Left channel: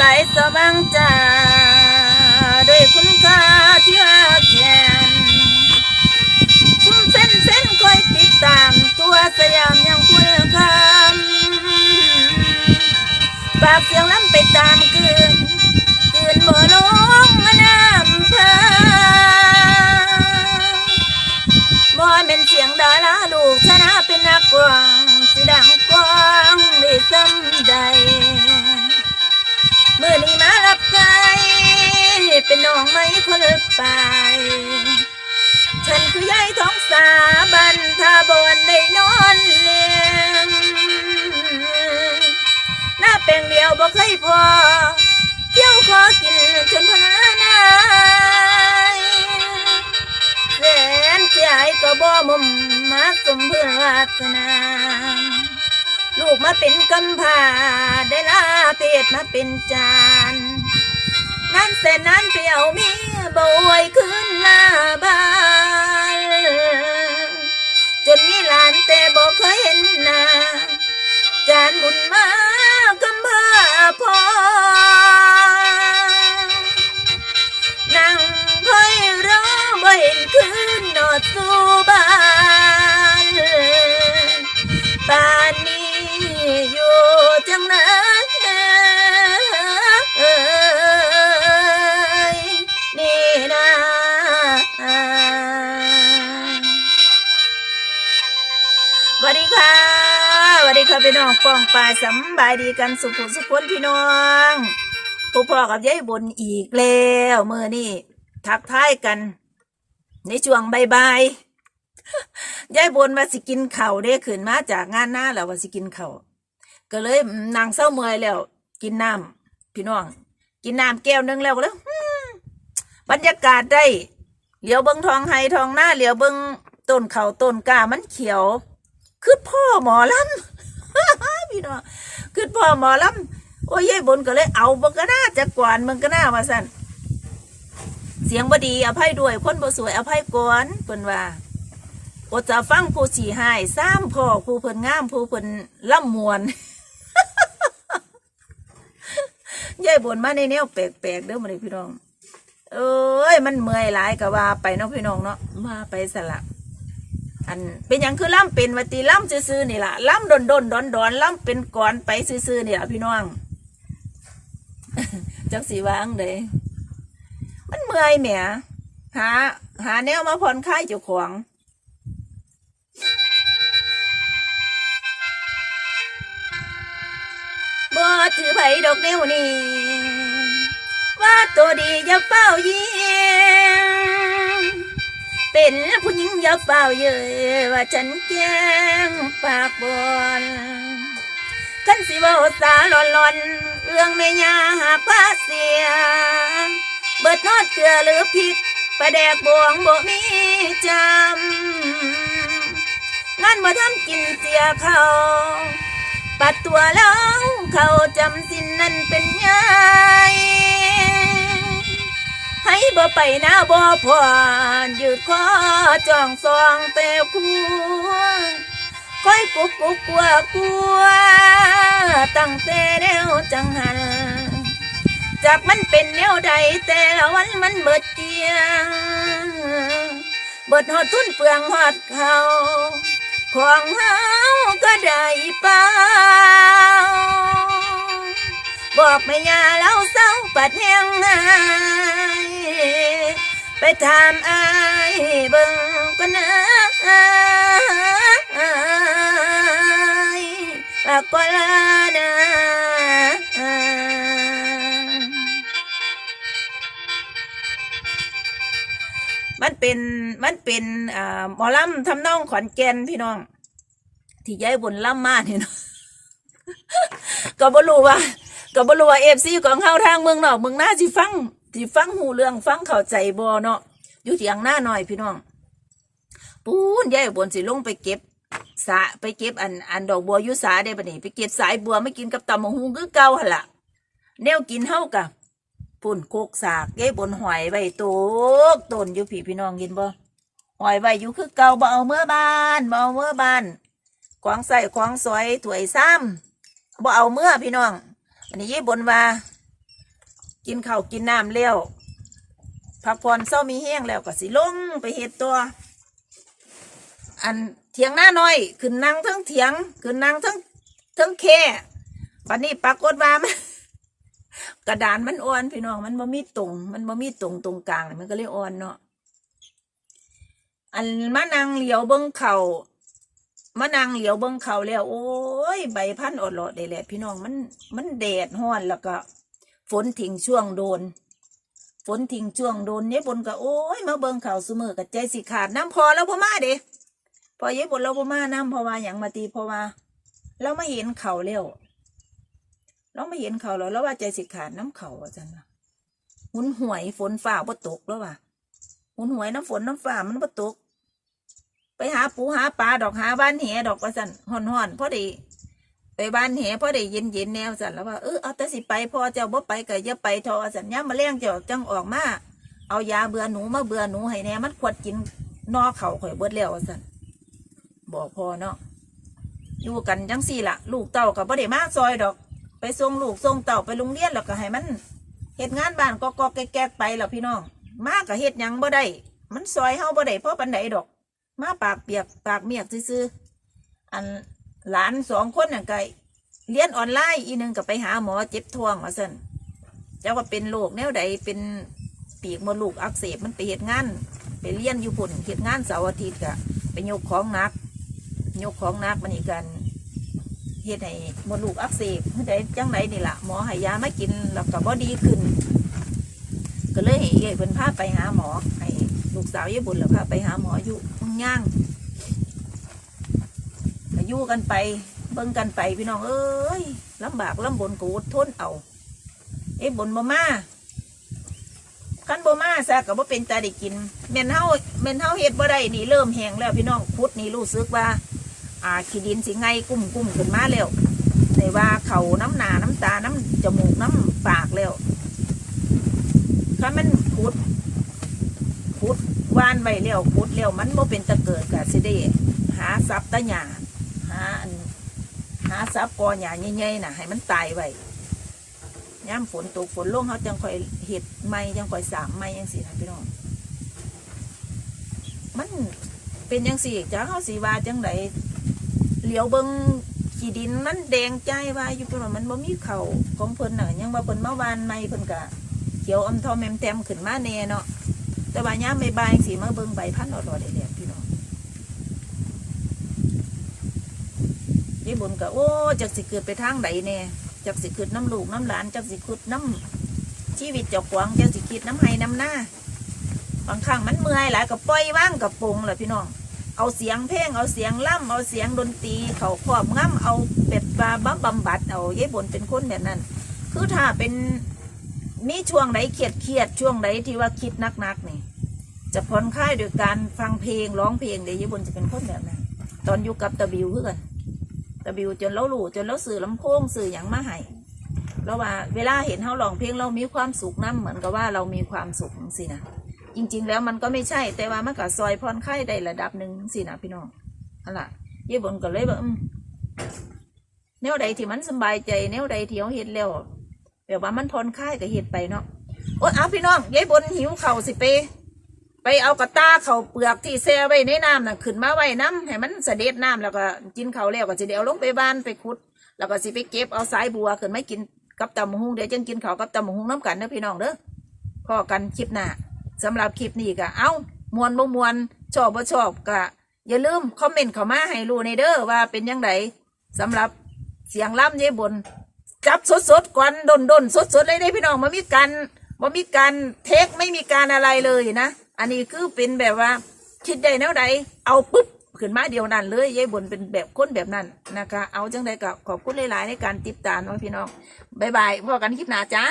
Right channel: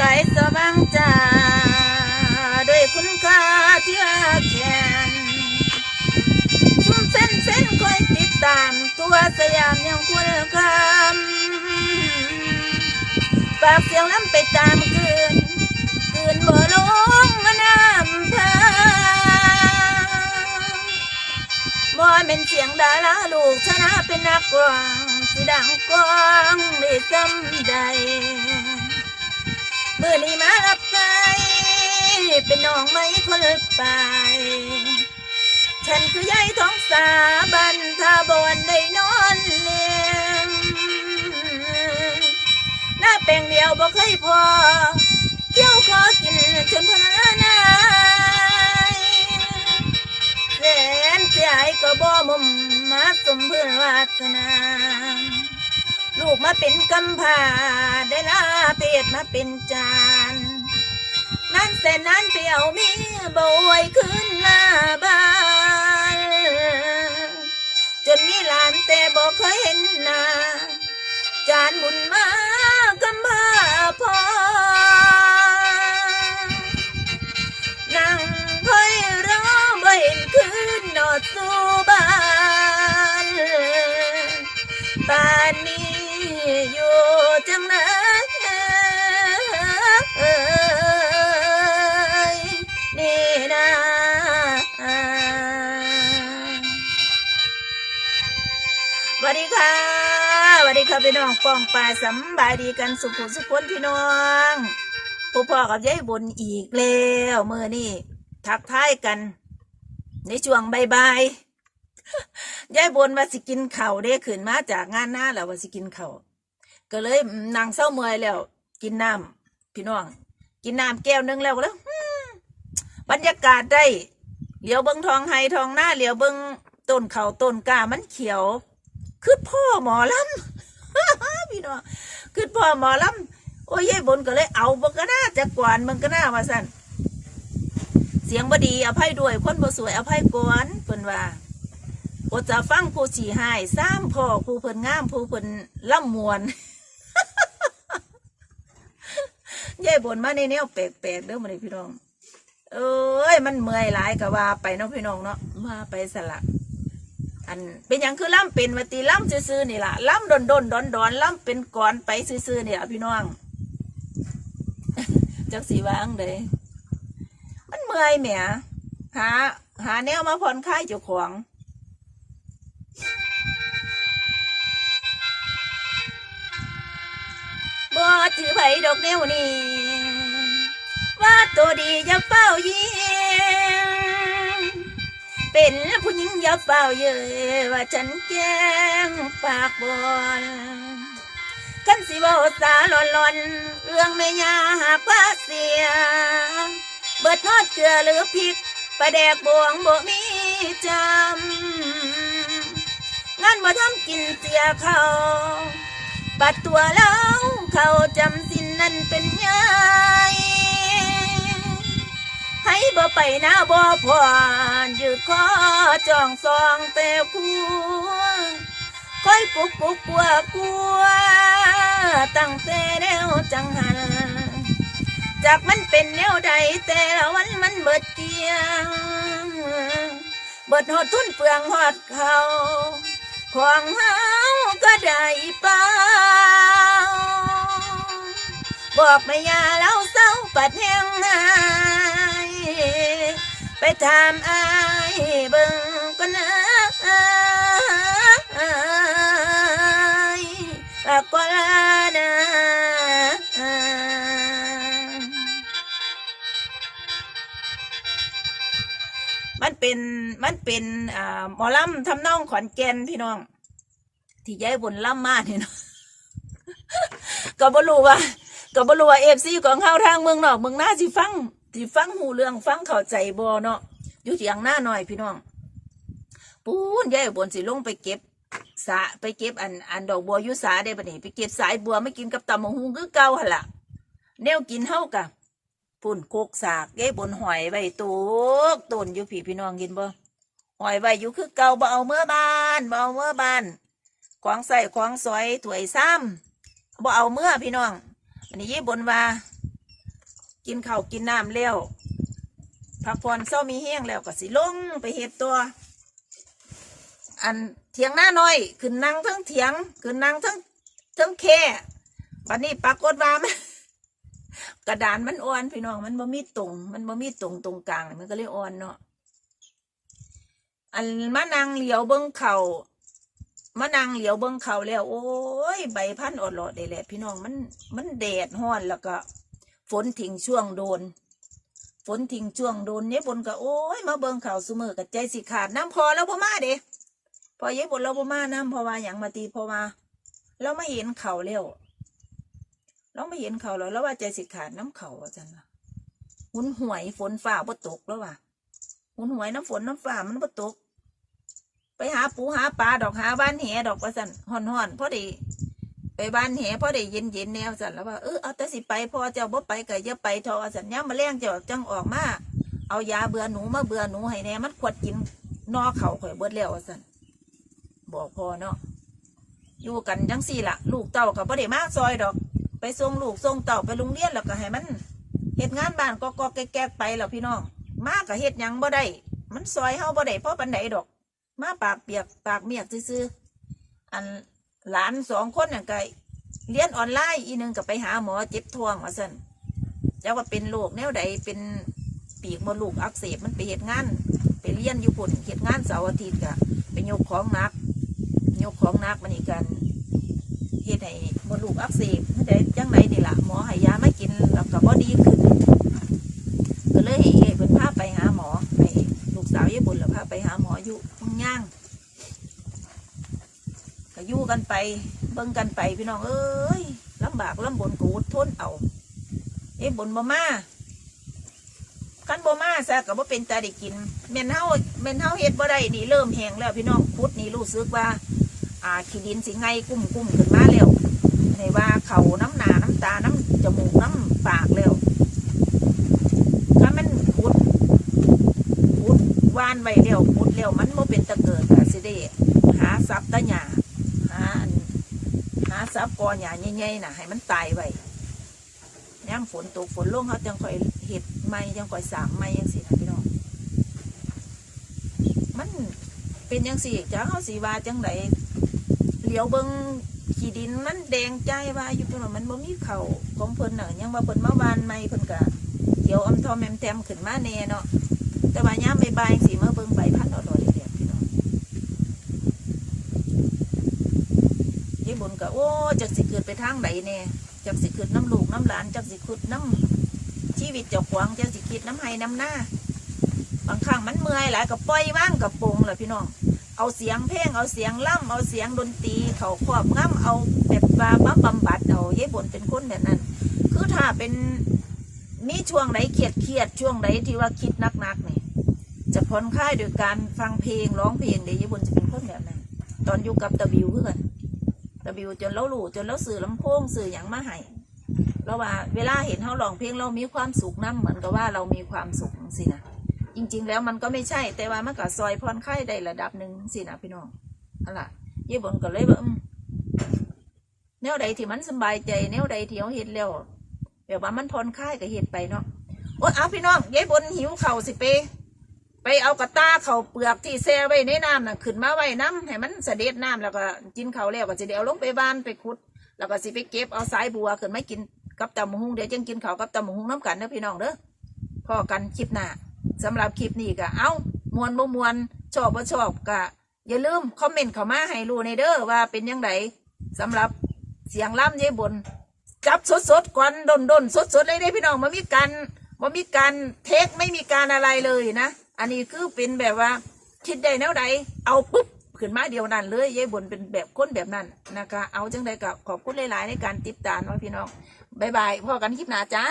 กายสว่างจ้าด้วยคุณค่าที่ว่าแขนซุ่มเส้นเส้นคอยติดตาม ตัวสยามยังคุณคำปากเสียงล้ำไปตามคืนคืนบ่ลงน้ำพาบ่แม่นเสียงดาราลูกชนะเป็นนักกวางสิดังกว่า องไม่คนไป ฉันคือยายท้องสาบันทาบอนได้นอนเลี้ยงหน้าแปลงเดียวบ่เคยพอเที่ยวขอกินจนพลานายแสนเสียยก็บ่มุมมาสมเพื่อวาสนาลูกมาเป็นกำพาได้ลาเพศมาเป็นจา นั่นแต่นั้นเปรียวมีบวยขึ้นหน้าบ้านจนมีหลานแต่บอกเคยเห็นหน้าจานบุญมากำบ้าพอ สวัสดีค่ะสวัสดีค่ะพี่น้องป้องปลายสำบายดีกันสุขสุขคนพี่น้องผู้พ่อกับยายบนอีกแล้วเมื่อนี่ทักทายกัน ในช่วงบายๆยายบนว่าสิกินเข่าวเด้ขึ้นมาจากงานหน้าแล้วว่าสิกินเข่าก็เลยนางเศร้าเมื่อยแล้ว กินน้ำพี่น้อง กินน้ำแก้วนึงแล้วก็แล้วบรรยากาศได้เหลียวเบิงทองไฮทองหน้าเหลียวเบิงต้นเขาต้นกามันเขียว คือพ่อหมอลำพี่น้องคือพ่อหมอลำโอ้ยยายบนก็เลยเอาบังกน่าจะกวนมึงกน่ามาสั่นเสียงบดีอภัยด้วยคนบ่สวยอภัยก่อนเพิ่นว่าโอจะฟังผู้ฉี่หายซ้ำพ่อผู้เพิ่นงามผู้เพิ่นล่ำมวนยายบนมาในแนวแปลกๆเด้อมันพี่น้อง เอ้ยมันเมื่อยหลายก็ว่าไปเนาะพี่น้องเนาะว่าไปสละ อันเป็นอย่างคือล่ำเป็นวัตีล่ำซื่อๆนี่ล่ะล่ำดนดนดอนดอนล่ำเป็นก่อนไปซื่อๆนี่ล่ะพี่น้องจักสีวางเลยมันเมื่อยแหมหา หาแนวมาผ่อนคลายเจ้าของบ่ถือไผดอกแนวนี้ว่าตัวดีอย่าเฝ้าเยี่ยม เป็นผู้หญิงย่าเฝ้าเยอว่าฉันแกล้งปากบอนขันสิว่าสาหลอนหลอนเรื่องแม่ยาหากว่าเสีย เบิดทอดเกลือหรือพริกปลาแดกบวงบ่มีจำงานมาทำกินเสียเขาปัดตัวแล้วเขาจำสินนั้นเป็นไง ให้บ่ไปน้าบ่พอนยืดคอจองซองแต่คัวคอยกุกกุกกลัวกลัวตั้งแต่แนวจังหันจากมันเป็นแนวใดแต่ละวันมันเบิดเกียงเบิดหอดทุนเปลืองหอดเขาของเฮาก็ได้เปล่า บอกไม่ยาแล้วเศร้าปัดแห้งไงไปถามอายเบิ่งก็นะปากกลานะมันเป็นมันเป็นอ่าหมอลำทำนองขอนแก่นพี่น้อง ที่ย้ายบนล่ำมาเนี่ยเนาะก็บ่รู้ว่า ก็บ่รู้ว่าเอฟซีของเฮาทางเมืองนอกเมืองหน้าสิฟังสิฟังหูเรื่องฟังเข้าใจบ่เนาะอยู่ที่อังหน้าหน่อยพี่น้องปูนย้ายบนสิลงไปเก็บสาไปเก็บอันอันดอกบัวยู่สาได้บัดนี้ไปเก็บสายบัวไม่กินกับตำมะฮุงคือเก่าหั่นล่ะแนวกินเฮากะปุ่นโคกสากยายบนหอยใบโตกต้นอยู่พี่พี่น้องกินบ่หอยใบอยู่คือเก่าบ่เอาเมื่อบ้านบ่เอาเมื่อบ้านของใส่ของสอยถวยซ้ำบ่เอาเมื่อพี่น้อง อันนี้ยายบนว่า กินข้าวกินน้ำแล้วพักผ่อนเศร้ามีแห้งแล้วก็สิลงไปเฮ็ดตัว อันเถียงหน้าน้อยขึ้นนั่งทั้งเถียงขึ้นนั่งทั้งทั้งแค่วันนี้ปรากฏว่ามันกระดานมันอ่อนพี่น้องมันบ่มีตรง มันบ่มีตรงตรงกลางมันก็เลยอ่อนเนาะอันมานั่งเหลียวเบิ้งเข่า มานั่งเหลียวเบิ้งเขาแล้ว โอ้ย ใบพันธุ์อดหลอดได้แหละพี่น้องมันมันแดดห้อนแล้วก็ ฝนทิ้งช่วงโดน ฝนทิ้งช่วงโดนเนี่ยบนก็โอ้ยมาเบิ้งเขาซุมือกับใจสิขาดน้ำพอแล้วพ่อมาเด้พอเย็บบนเราพ่อมาน้ำพราะว่าอย่างมาตีพราะว่าเราไม่เห็นเขาแล้วเราไม่เห็นเขาแล้วแล้วว่าใจสิขาดน้ำเขาอาจารย์หุนหวยฝนฝ่าบ่ตกแล้วว่ะหุนหวยน้ำฝนน้ำฝ่ามันบ่ตก ไปหาปูหาปลาดอกหาบ้านแหดอกว่าสันห่อนห่อนพอดีไปบ้านแหพอได้เย็นเย็นแนวสันแล้วว่าเออเอาแต่สิไปพอเจ้าบ่ไปก็อย่าไปทอสันย่ามมาแรงเจ้าจังออกมาเอายาเบื่อหนูมาเบื่อหนูให้แน่มันขวดกินนอเข่าข่อยเบิดแล้วว่าสันบอกพอเนาะอยู่กันจังสี่ละลูกเต่ากับบ่ได้มาซอยดอก ไปส่งลูกส่งเต่าไปโรงเรียนแล้วก็ให้มันเฮ็ดงานบ้านก็ก็แก๊กไปแล้วพี่น้องมาก็เฮ็ดยังบ่ได้มันซอยเฮาบ่ได้เพราะปันไดดอก มาปากเปียกปากเมียกซื่อๆอันหลานสองคนน่ะก็เรียนออนไลน์อีหนึงก็ไปหาหมอเจ็บท้องว่าซั่นเจ้าว่าเป็นโรคแนวใดเป็นปีกมดลูกอักเสบมันไปเหตุงานไปเรียนอยู่พุ่นเหตุงานเสาร์อาทิตย์ก็ไปยกของนัก ยกของนักมันนี่กันเฮ็ดให้มดลูกอักเสบเฮ็ดได้จังไดนี่ล่ะหมอห้ยาไมากินแล้วก็บ่ดีขึ้น ก็เลยเอ้ยเพิ่นพาไปหาหมอให้ ลูกสาวญี่ปุ่นแล้วพาไปหาหมออยู่มืองย่างก็อยู่กันไป เบิ่งกันไปพี่น้องเอ้ยลำบากลำบนกูทนเอาเอ้บนบ่มาคันบ่มาซะก็บ่เป็นตาได้กินแม่นเฮาแม่นเฮาเฮ็ดบ่ได้นี่เริ่มแห้งแล้วพี่น้องพุดนี่รู้สึกว่า อ่าขี้ดินสิไงกุ้มกุ้มขึ้นมาแล้วในว่าเขาน้ำหนาน้ำตาน้ำจมูกน้ำปากแล้วคันมันพุด พุดว่านไว้แล้วพุดแล้วมันบ่เป็นตะเกิดก็สิได้หาทรัพย์ตะหยาหาหาซับกอหญ้าใหญ่ๆน่ะ ให้มันตายไว้ย่ามฝนตกฝนลงเขาจังคอยเห็ดไม้จังคอยสามไม้ยังสินะพี่น้องมันเป็นยังสี่จ้าเขาสีวาจังไดเหลียวเบิงขี้ดินมันแดงใจว่าอยู่เพิ่นว่ามันบ่มีเขาของเพิ่นน่ะยังว่าเพิ่นมาวานไม้เพิ่นกะเขียวอมทอมแมมแตมขึ้นมาแน่เนาะ แต่ว่าย่ามใบายสีมาเบิงใบพันธุ์อดๆเด็ดพี่น้องยายบุญก็โอ้จักสิเกิดไปทางใดแน่จักสิคิดน้ำลูกน้ำหลานจักสิคิดน้ำชีวิตเจ้าขวางจักสิคิดน้ำไห้น้ำหน้าบางครั้งมันเมื่อยหลายก็ปล่อยว่างกับปงแหละพี่น้องเอาเสียงเพลงเอาเสียงล่ำเอาเสียงดนตรีเขาครอบงำเอาแบบว่าบำบำบัดเอายายบุญเป็นคนแบบนั้น คือถ้าเป็น มีช่วงไหนเครียดเครียดช่วงไหนที่ว่าคิดนักๆนี่จะผ่อนคลายโดยการฟังเพลงร้องเพลงเดี๋ยวยายบุญจะเป็นคนแบบนั้นตอนอยู่กับตะบิวคือนตะบิวจนเราหลู่จนเราสื่อลำโพงสื่ออย่างมาให้เราว่าเวลาเห็นเขาร้องเพลงเรามีความสุขน้ำเหมือนกับว่าเรามีความสุขสินะจริง ๆ แล้วมันก็ไม่ใช่แต่ว่ามันก็ซอยพรคลายได้ระดับหนึ่งสินะพี่น้องนั่นแหละยี่บนก็เลยว่าอืมแนวใดที่มันสบายใจแนวใดที่เขาเห็นแล้ว แบบว่ามันพรคลายก็เห็นไปเนาะโอ้เอาพี่น้องยายบนหิวเข่าสิไปไปเอากระตาเข่าเปลือกที่แช่ไว้ในน้ำน่ะขึ้นมาไว้น้ำให้มันเสด็จน้ำแล้วก็กินเข่าแล้วก็จะเดี๋ยวลงไปบ้านไปขุด แล้วก็สิไปเก็บเอาสายบัวขึ้นมากินกับตำมะฮุงเดี๋ยวจังกินเข่ากับตำมะฮุงน้ำกันนะพี่น้องเด้อพอกันคลิปหน้าสำหรับคลิปนี้ก็เอามวนบ่มวนชอบบ่ชอบก็อย่าลืมคอมเมนต์เข้ามาให้รู้ในเด้อว่าเป็นยังไงสำหรับเสียงล่ำเย่บน จับสดสดกวนดนดนสดสดเลยได้พี่น้องมันมีการมันมีการเทคไม่มีการอะไรเลยนะ อันนี้คือเป็นแบบว่า คิดได้แนวใดเอาปุ๊บขึ้นมาเดียวนั้นเลยยายบนเป็นแบบคนแบบนั้นนะคะ เอาจังใดก็ขอบคุณหลายๆในการติดตามนะพี่น้องบายบายพอกันคลิปหน้าจ้า